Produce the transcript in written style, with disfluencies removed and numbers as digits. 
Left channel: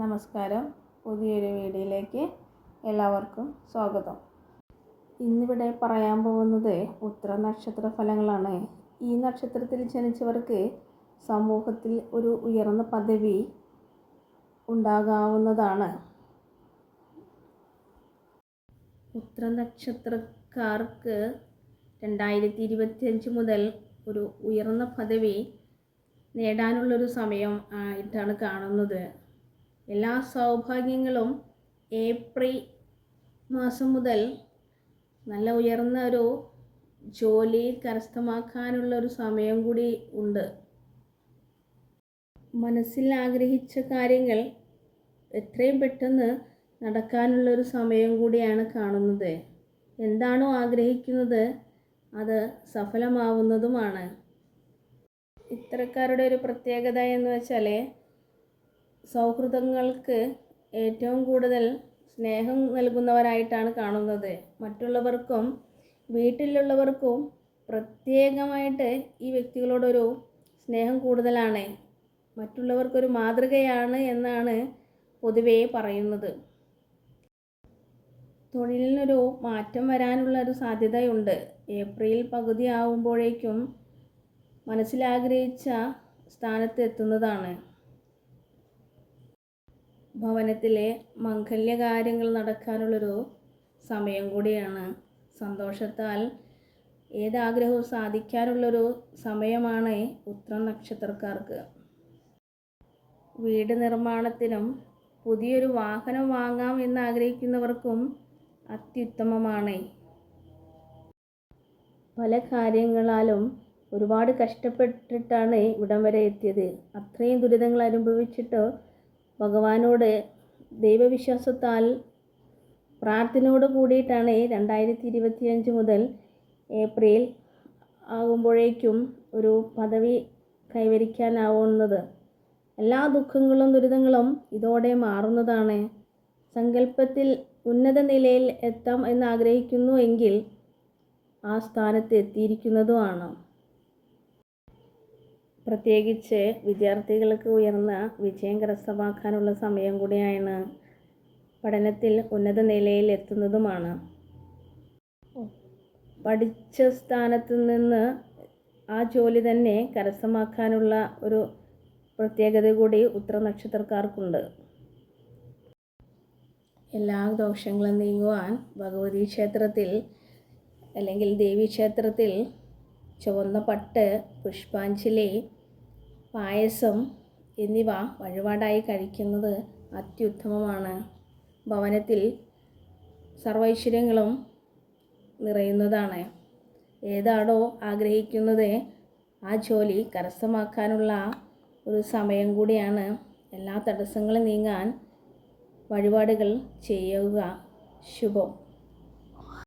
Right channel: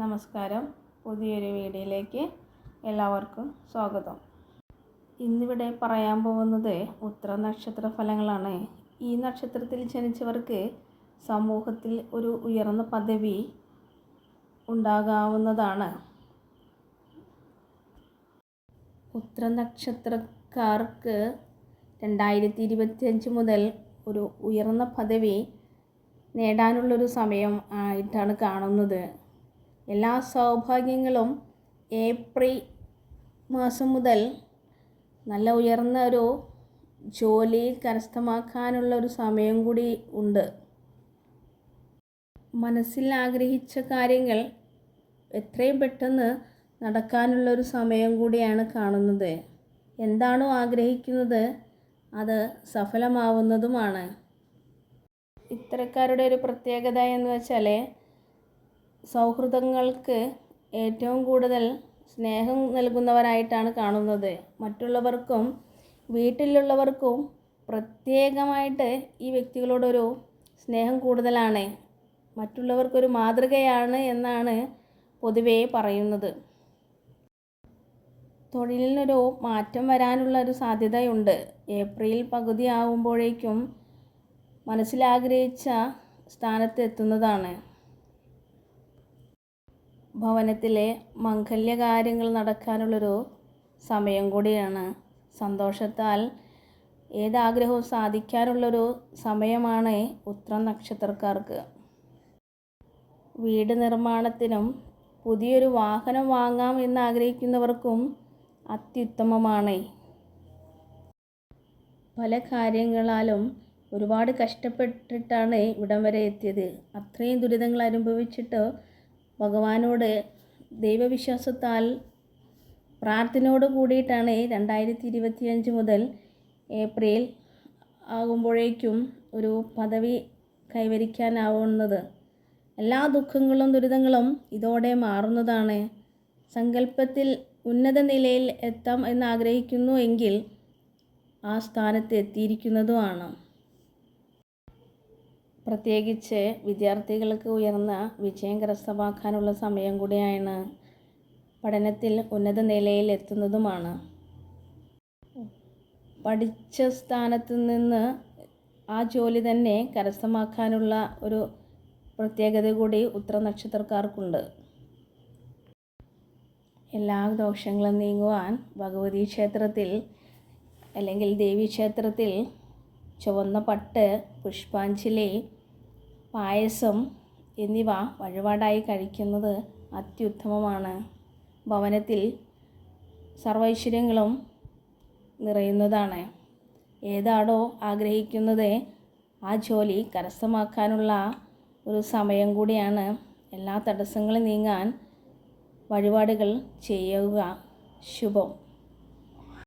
നമസ്കാരം. പുതിയൊരു വീഡിയോയിലേക്ക് എല്ലാവർക്കും സ്വാഗതം. ഇന്നിവിടെ പറയാൻ പോകുന്നത് ഉത്തര നക്ഷത്ര ഫലങ്ങളാണ്. ഈ നക്ഷത്രത്തിൽ ജനിച്ചവർക്ക് സമൂഹത്തിൽ ഒരു ഉയർന്ന പദവി ഉണ്ടാകാവുന്നതാണ്. ഉത്തര നക്ഷത്രക്കാർക്ക് 2025 മുതൽ ഒരു ഉയർന്ന പദവി നേടാനുള്ളൊരു സമയം ആയിട്ടാണ് കാണുന്നത്. എല്ലാ സൗഭാഗ്യങ്ങളും ഏപ്രിൽ മാസം മുതൽ നല്ല ഉയർന്ന ഒരു ജോലി കരസ്ഥമാക്കാനുള്ള ഒരു സമയം കൂടി ഉണ്ട്. മനസ്സിൽ ആഗ്രഹിച്ച കാര്യങ്ങൾ എത്രയും പെട്ടെന്ന് നടക്കാനുള്ളൊരു സമയം കൂടിയാണ് കാണുന്നത്. എന്താണോ ആഗ്രഹിക്കുന്നത് അത് സഫലമാവുന്നതുമാണ്. ഇത്തരക്കാരുടെ ഒരു പ്രത്യേകത എന്ന് വെച്ചാൽ സൗഹൃദങ്ങൾക്ക് ഏറ്റവും കൂടുതൽ സ്നേഹം നൽകുന്നവരായിട്ടാണ് കാണുന്നത്. മറ്റുള്ളവർക്കും വീട്ടിലുള്ളവർക്കും പ്രത്യേകമായിട്ട് ഈ വ്യക്തികളോടൊരു സ്നേഹം കൂടുതലാണ്. മറ്റുള്ളവർക്കൊരു മാതൃകയാണ് എന്നാണ് പൊതുവേ പറയുന്നത്. തൊഴിലിനൊരു മാറ്റം വരാനുള്ള ഒരു സാധ്യതയുണ്ട്. ഏപ്രിൽ പകുതി ആകുമ്പോഴേക്കും മനസ്സിലാഗ്രഹിച്ച സ്ഥാനത്ത് എത്തുന്നതാണ്. ഭവനത്തിലെ മംഗല്യകാര്യങ്ങൾ നടക്കാനുള്ളൊരു സമയം കൂടിയാണ്. സന്തോഷത്താൽ ഏതാഗ്രഹവും സാധിക്കാനുള്ളൊരു സമയമാണ് ഉത്തര നക്ഷത്രക്കാർക്ക്. വീട് നിർമ്മാണത്തിനും പുതിയൊരു വാഹനം വാങ്ങാം എന്നാഗ്രഹിക്കുന്നവർക്കും അത്യുത്തമമാണ്. പല കാര്യങ്ങളാലും ഒരുപാട് കഷ്ടപ്പെട്ടിട്ടാണ് ഇവിടം വരെ എത്തിയത്. അത്രയും ദുരിതങ്ങൾ അനുഭവിച്ചിട്ട് ഭഗവാനോട് ദൈവവിശ്വാസത്താൽ പ്രാർത്ഥനയോട് കൂടിയിട്ടാണ് 2025 മുതൽ ഏപ്രിൽ ആകുമ്പോഴേക്കും ഒരു പദവി കൈവരിക്കാനാവുന്നത്. എല്ലാ ദുഃഖങ്ങളും ദുരിതങ്ങളും ഇതോടെ മാറുന്നതാണ്. സങ്കല്പത്തിൽ ഉന്നത നിലയിൽ എത്താം എന്നാഗ്രഹിക്കുന്നു എങ്കിൽ ആ സ്ഥാനത്ത് എത്തിയിരിക്കുന്നതുമാണ്. പ്രത്യേകിച്ച് വിദ്യാർത്ഥികൾക്ക് ഉയർന്ന വിജയം കരസ്ഥമാക്കാനുള്ള സമയം കൂടിയാണ്. പഠനത്തിൽ ഉന്നത നിലയിൽ എത്തുന്നതുമാണ്. പഠിച്ച സ്ഥാനത്ത് നിന്ന് ആ ജോലി തന്നെ കരസ്ഥമാക്കാനുള്ള ഒരു പ്രത്യേകത കൂടി ഉത്തര നക്ഷത്രക്കാർക്കുണ്ട്. എല്ലാ ദോഷങ്ങളും നീങ്ങുവാൻ ഭഗവതി ക്ഷേത്രത്തിൽ അല്ലെങ്കിൽ ദേവീ ക്ഷേത്രത്തിൽ ചുവന്ന പട്ട്, പുഷ്പാഞ്ജലി, പായസം എന്നിവ വഴിപാടായി കഴിക്കുന്നത് അത്യുത്തമമാണ്. ഭവനത്തിൽ സർവൈശ്വര്യങ്ങളും നിറയുന്നതാണ്. ഏതാണോ ആഗ്രഹിക്കുന്നത് ആ ജോലി കരസ്ഥമാക്കാനുള്ള ഒരു സമയം കൂടിയാണ്. എല്ലാ തടസ്സങ്ങളും നീങ്ങാൻ വഴിപാടുകൾ ചെയ്യുക ശുഭം.